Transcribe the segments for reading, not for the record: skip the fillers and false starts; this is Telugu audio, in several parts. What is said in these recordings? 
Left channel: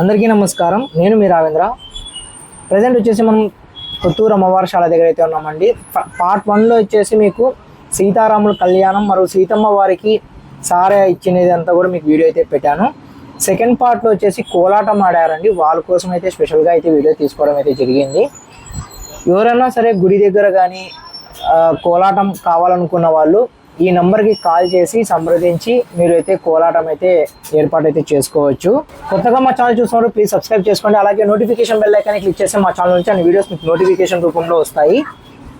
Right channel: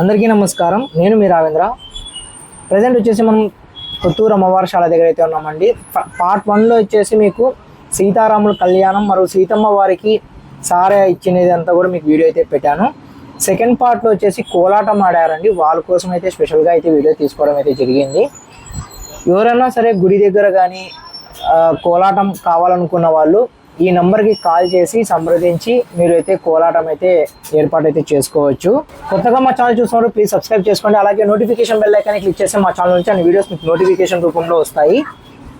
అందరికీ నమస్కారం. నేను మీ రావేంద్ర. ప్రజెంట్ వచ్చేసి మనం కొత్తూరు అమ్మవారిశాల దగ్గర అయితే ఉన్నామండి. పార్ట్ 1లో వచ్చేసి మీకు సీతారాముల కళ్యాణం మరియు సీతమ్మ వారికి సారే ఇచ్చినది అంతా కూడా మీకు వీడియో అయితే పెట్టాను. సెకండ్ పార్ట్లో వచ్చేసి కోలాటం ఆడారండి. వాళ్ళ కోసం అయితే స్పెషల్గా అయితే వీడియో తీసుకోవడం అయితే జరిగింది. ఎవరైనా సరే గుడి దగ్గర కానీ కోలాటం కావాలనుకున్న వాళ్ళు ఈ నెంబర్కి కాల్ చేసి సంప్రదించి మీరు అయితే కోలాటం అయితే ఏర్పాటు అయితే చేసుకోవచ్చు. కొత్తగా మా ఛానల్ చూస్తున్నారు ప్లీజ్ సబ్స్క్రైబ్ చేసుకోండి. అలాగే నోటిఫికేషన్ బెల్ ఐకాన్ని క్లిక్ చేస్తే మా ఛానల్ నుంచి అన్ని వీడియోస్ మీకు నోటిఫికేషన్ రూపంలో వస్తాయి.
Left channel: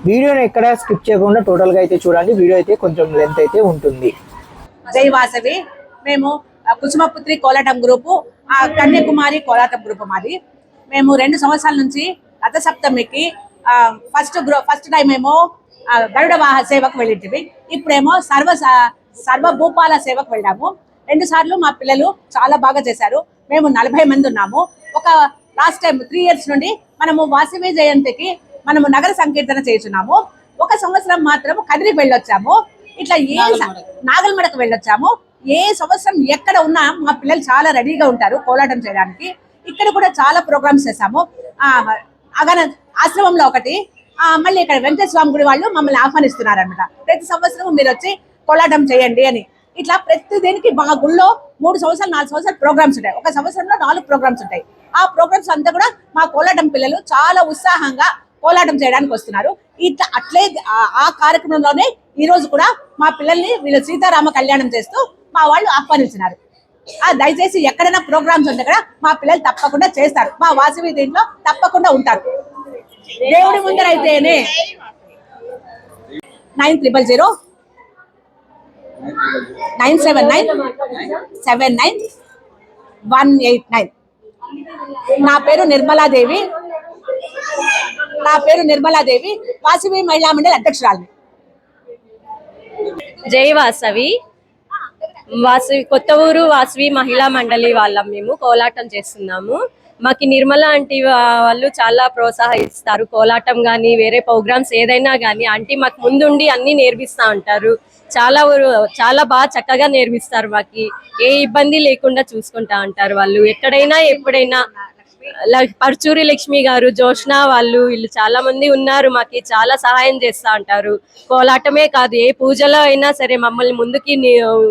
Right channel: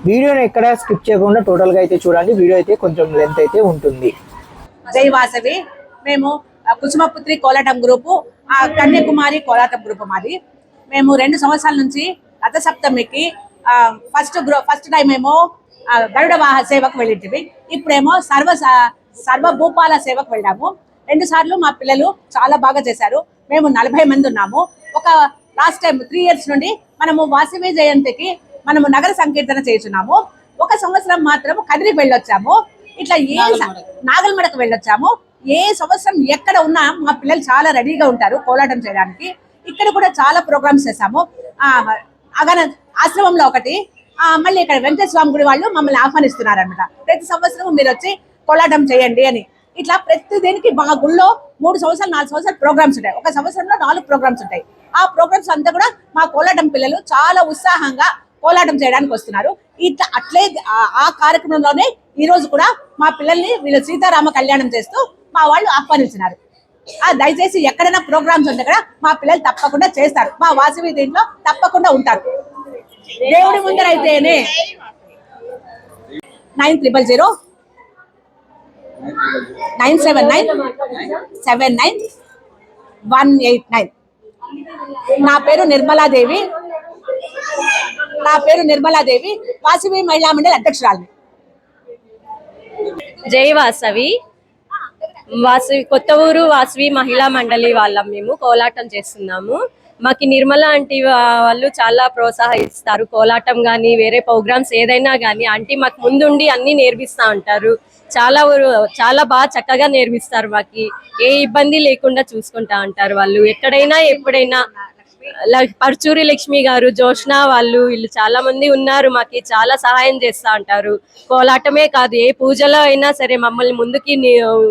వీడియోని ఎక్కడ స్కిప్ చేయకుండా టోటల్గా అయితే చూడండి. వీడియో అయితే కొంచెం లెంత్ అయితే ఉంటుంది. జై వాసవి. మేము కుసుమపుత్రి కోలాటం గ్రూపు, కన్యాకుమారి కోలాటం గ్రూపు మాది. మేము 2 సంవత్సరాల నుంచి రథసప్తమికి ఫస్ట్ టైం ఏమో గరుడ వాహ సేవకు వెళ్ళింటివి. ఇప్పుడేమో సర్వభూపాల సేవకు వెళ్ళాము. 2 సార్లు మా పిల్లలు చాలా బాగా చేశారు. మేము 40 మంది ఉన్నాము. ఒక లాస్ట్ టైం 3 years నుండి మనము వాసవి జయంతికి మనము నగర సంకీర్తన చేస్తున్నాము. ఒక సంవత్సరం మాత్రం కదిరికి వెళ్ళొచ్చాము. ఇట్లా నాగల్మడకు వెళ్ళొచ్చాము. ఏ సంవత్సరం ఎక్కడ ఉన్నా మా పిల్లలు చాలా రెడీగా ఉంటారు కోలాటం చేయడానికి. ఇక్కడ కూడా చాలా ప్రోగ్రామ్స్ చేశాము. అగన ఆశ్రమంలో ఒకటి, మళ్ళీ ఇక్కడ వెంకటేశ్వర స్వామి గుడి వాళ్ళు మమ్మల్ని ఆహ్వానిస్తున్నారు అనమాట. ప్రతి సంవత్సరం మీరు వచ్చి కోలాటం చేయండి అని. ఇట్లా ప్రతి దీనికి మా గుళ్ళో 3 సంవత్సరాలు 4 సంవత్సరాలు ప్రోగ్రామ్స్ ఉంటాయి. ఒక సంవత్సరంలో 4 ప్రోగ్రామ్స్ ఉంటాయి. ఆ ప్రోగ్రామ్స్ అంతా కూడా మా కోలాటం పిల్లలు చాలా ఉత్సాహంగా కోలాటం చేయడానికి వస్తున్నారు. ఇట్లా అట్లే ఆ కార్యక్రమంలోనే ఈ రోజు కూడా మా పిల్లల్ని వీళ్ళు సీతారామ కళ్యాణం చేస్తూ మా వాళ్ళు ఆహ్వానించినారు. దయచేసి ఎక్కడైనా ప్రోగ్రామ్స్ ఉంటే కూడా మా పిల్లలు తప్పకుండా చేస్తారు. మా వాసవి దీంట్లో తప్పకుండా ఉంటారు. దేవుడి ముందరైతేనే 9000 979 189. నా పేరు నిర్మలాదేవి. వాసవి మహిళా మండలి అధ్యక్షురాలిని. జై వాసవి. కొత్త ఊరు వాసవి మహిళా మండలి వాళ్ళం. మేము కోలాటం చేస్తున్నాము. మాకు నిర్మల ఆంటీ వాళ్ళు చాలా ప్రోత్సహిస్తారు. కోలాటం కానీ వేరే ప్రోగ్రామ్స్ ఏదైనా కానీ ఆంటీ మాకు ముందుండి అన్ని నేర్పిస్తూ ఉంటారు. చాలా బాగా చక్కగా నేర్పిస్తారు. మాకు ఏ ఇబ్బంది లేకుండా చూసుకుంటా ఉంటారు వాళ్ళు. ఎక్కడైనా ఎప్పుడైనా పర్చూరి లక్ష్మి గారు, జోష్న వాళ్ళు వీళ్ళు చాలా మంది ఉన్నారు. మాకు చాలా సహాయం చేస్తూ ఉంటారు. కోలాటమే కాదు ఏ పూజలో అయినా సరే మమ్మల్ని ముందుకి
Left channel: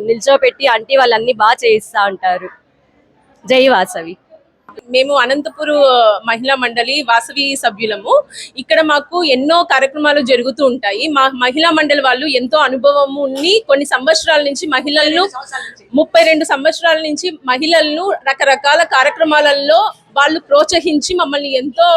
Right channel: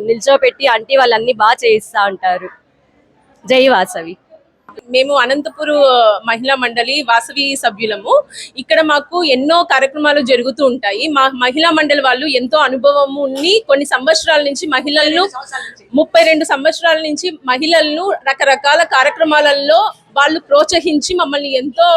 నిల్చోపెట్టి ఆంటీ వాళ్ళన్ని బాగా చేయిస్తూ ఉంటారు. జై వాసవి. మేము అనంతపురు మహిళా మండలి వాసవి సభ్యులము. ఇక్కడ మాకు ఎన్నో కార్యక్రమాలు జరుగుతూ ఉంటాయి. మా మహిళా మండలి వాళ్ళు ఎంతో అనుభవము కొన్ని సంవత్సరాల నుంచి మహిళలను 32 సంవత్సరాల నుంచి మహిళలను రకరకాల కార్యక్రమాలలో వాళ్ళు ప్రోత్సహించి మమ్మల్ని ఎంతో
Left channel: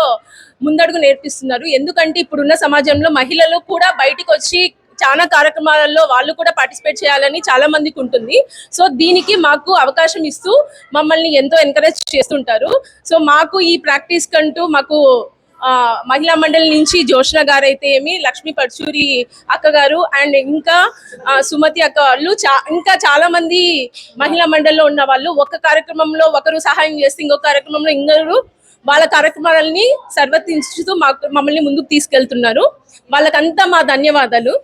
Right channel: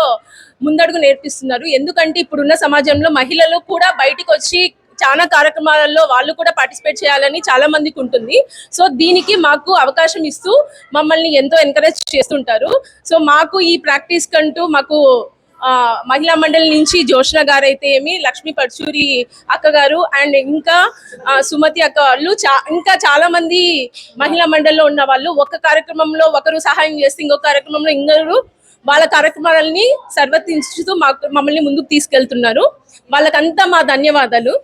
ముందడుగు నేర్పిస్తున్నారు. ఎందుకంటే ఇప్పుడున్న సమాజంలో మహిళలు కూడా బయటికి వచ్చి చాలా కార్యక్రమాలలో వాళ్ళు కూడా పార్టిసిపేట్ చేయాలని చాలా మందికి ఉంటుంది. సో దీనికి మాకు అవకాశం ఇస్తూ మమ్మల్ని ఎంతో ఎంకరేజ్ చేస్తుంటారు. సో మాకు ఈ ప్రాక్టీస్ కంటూ మాకు మహిళా మండలి నుంచి జోష్న గారు అయితే ఏమి, లక్ష్మీ పర్చూరి అక్క గారు అండ్ ఇంకా సుమతి అక్క వాళ్ళు ఇంకా చాలా మంది మహిళా మండలిలో ఉన్న వాళ్ళు ఒక కార్యక్రమంలో ఒకరు సహాయం చేస్తే ఇంకొక కార్యక్రమంలో ఇంకొకరు వాళ్ళ కార్యక్రమాలని సర్వర్తించుతూ మమ్మల్ని ముందుకు తీసుకెళ్తున్నారు. వాళ్ళకంతా మా ధన్యవాదాలు.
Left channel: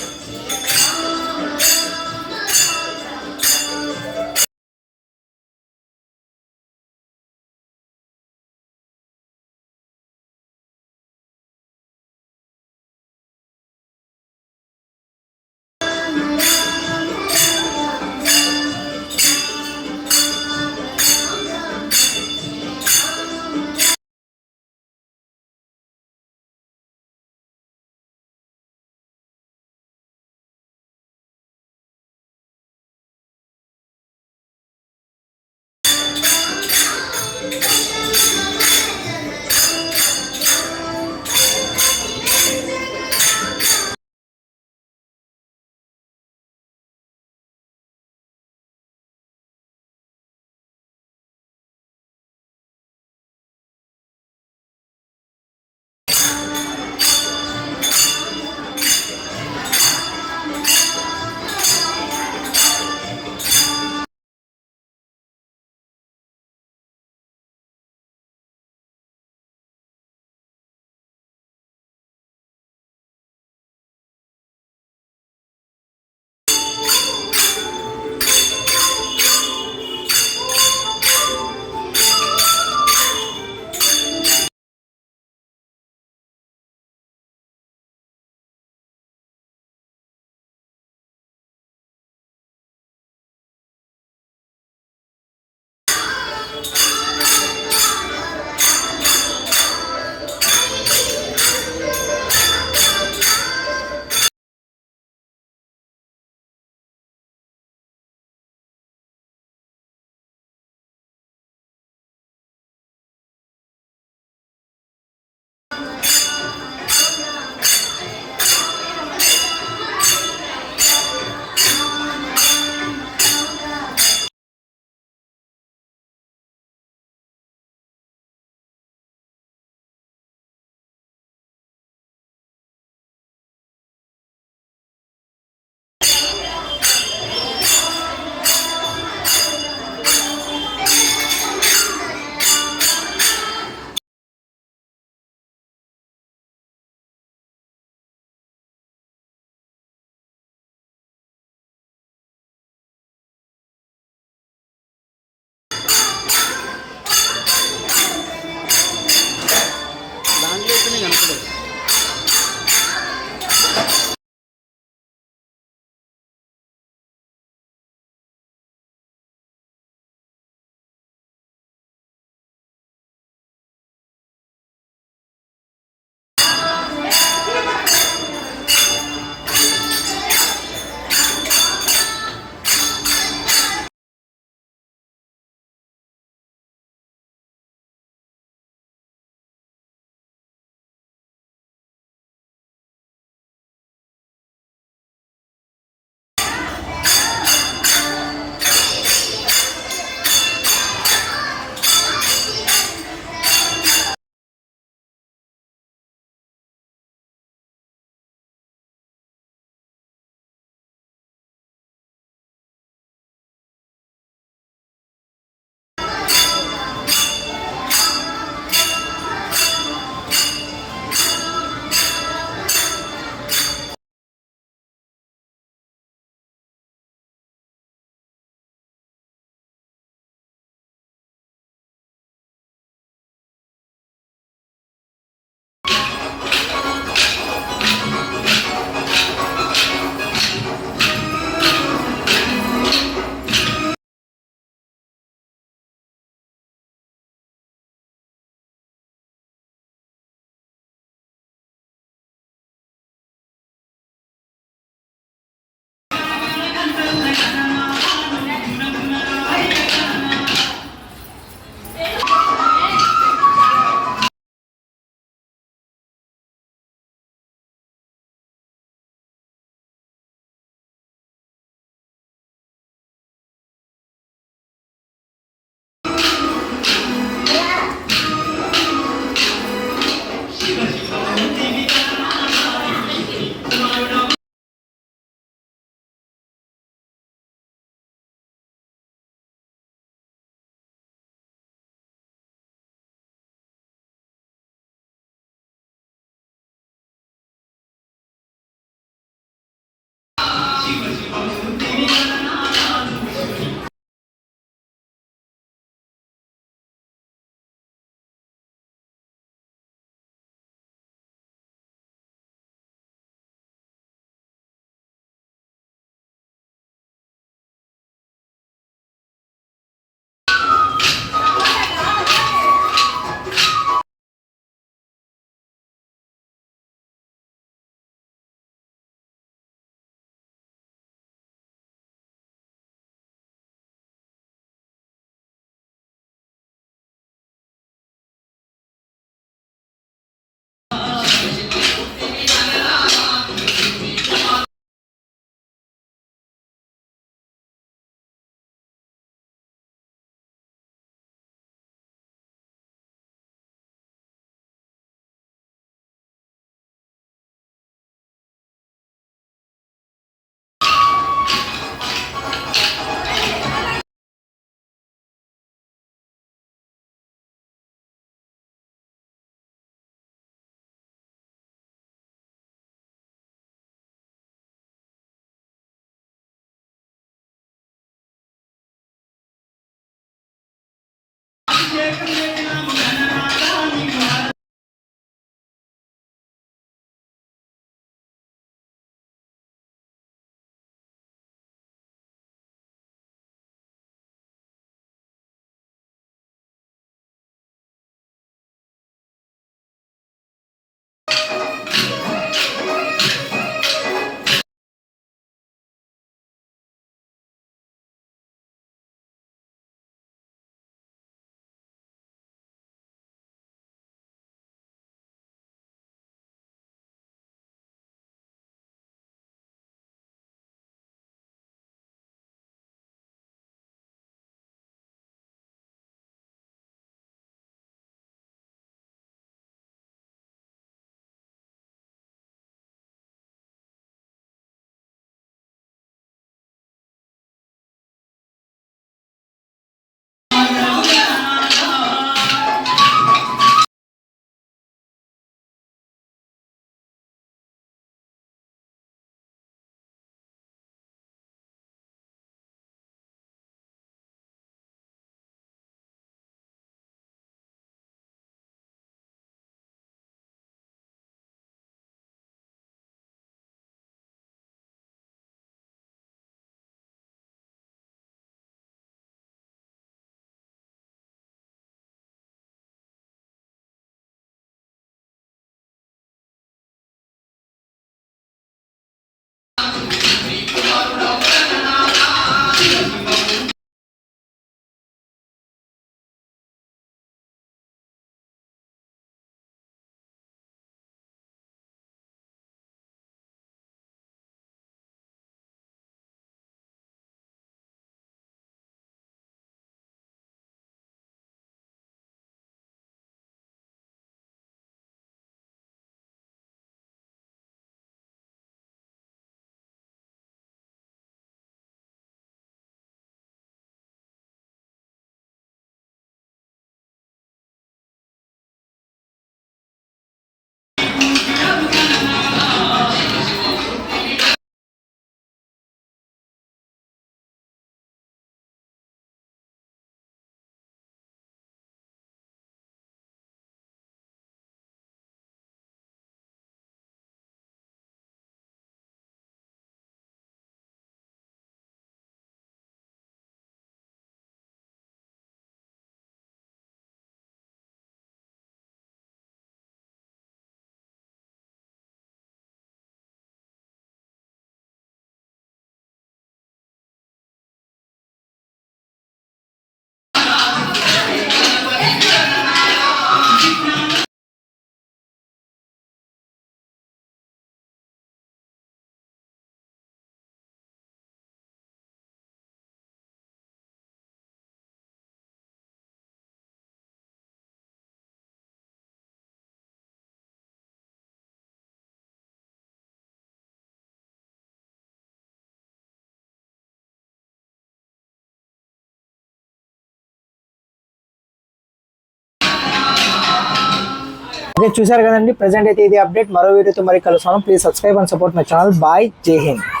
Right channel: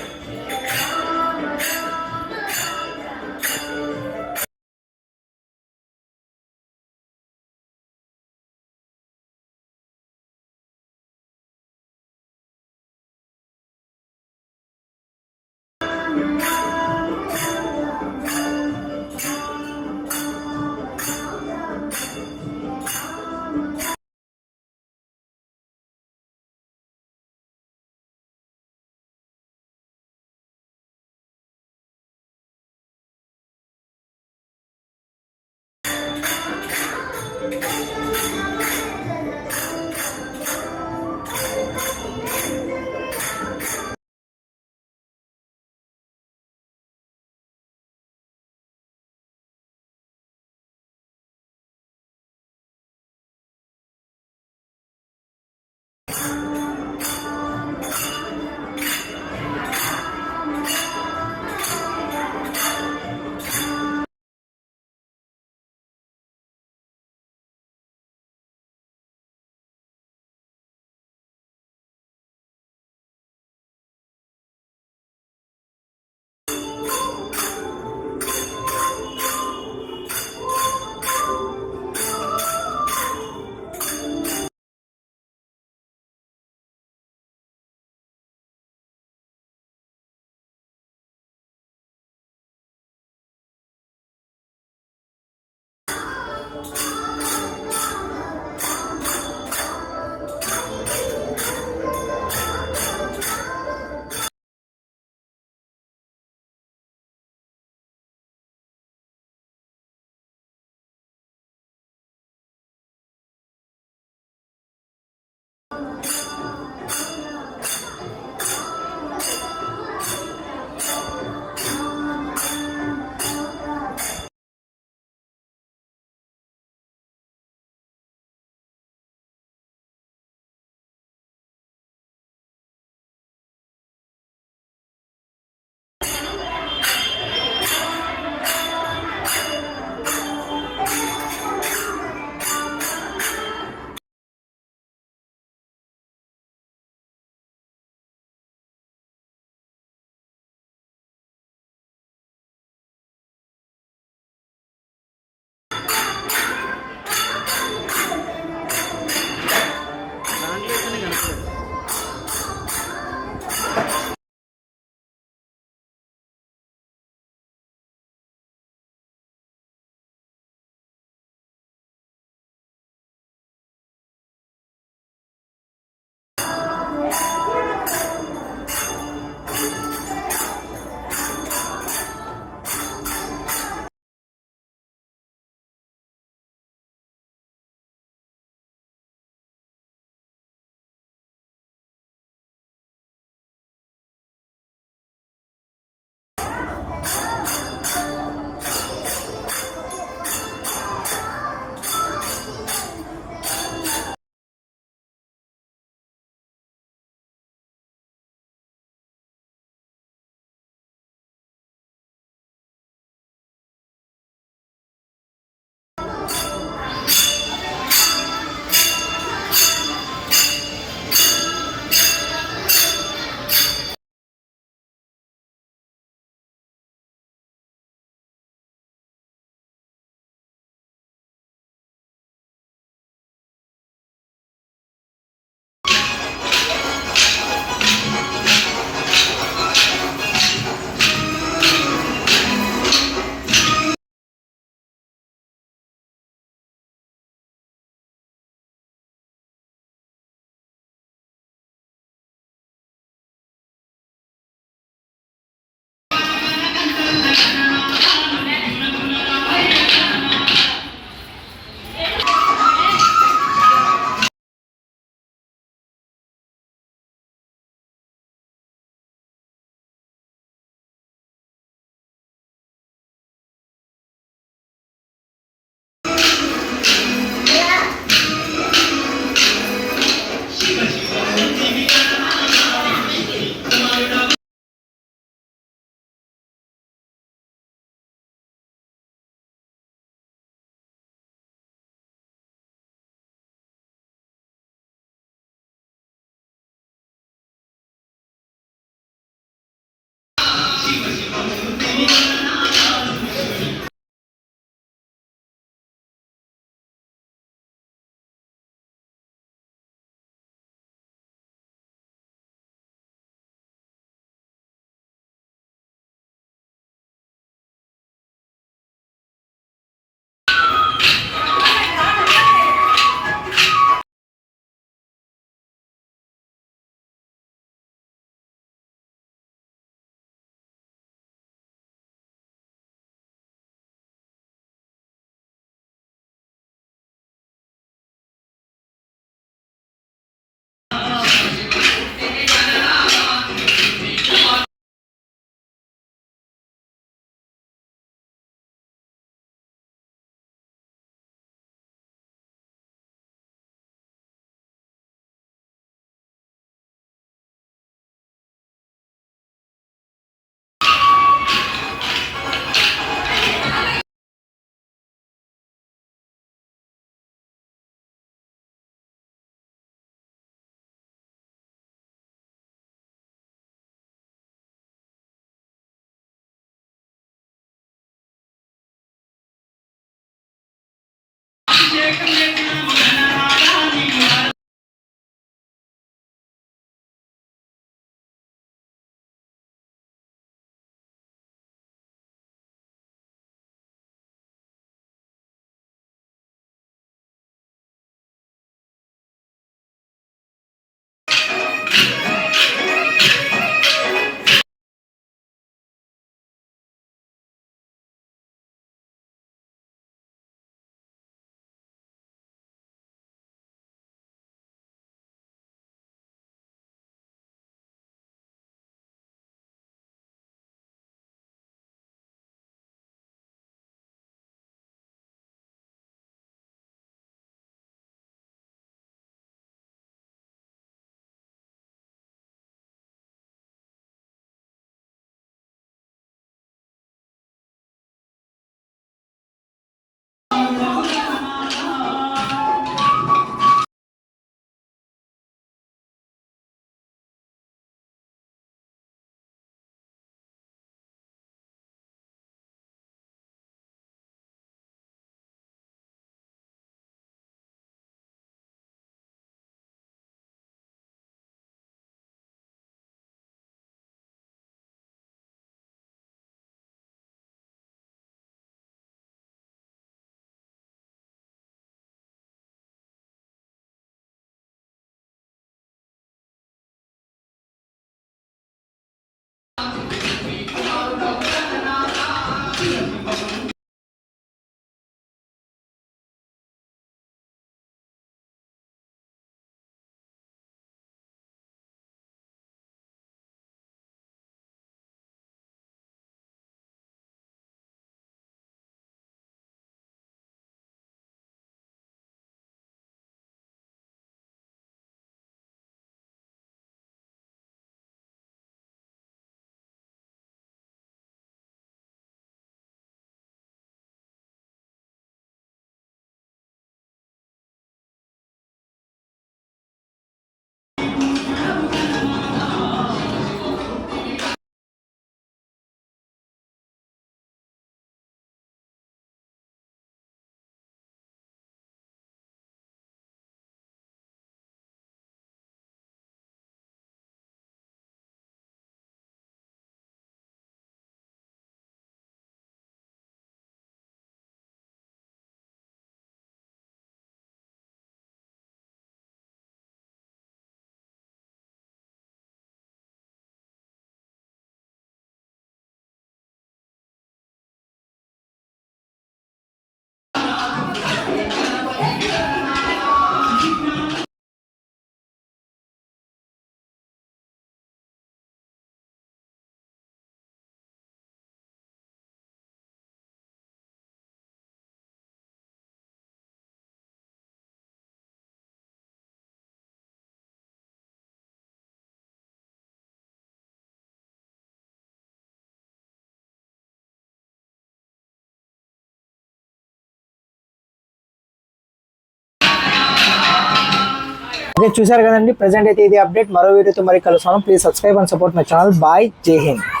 ఓకే, చూసారు కదండి. ప్రెసెంట్ అయితే ఇది అప్డేట్. మరో వీడియోతో మరి కలుస్తాను. Please subscribe and support my channel. Bye, Jai Hind.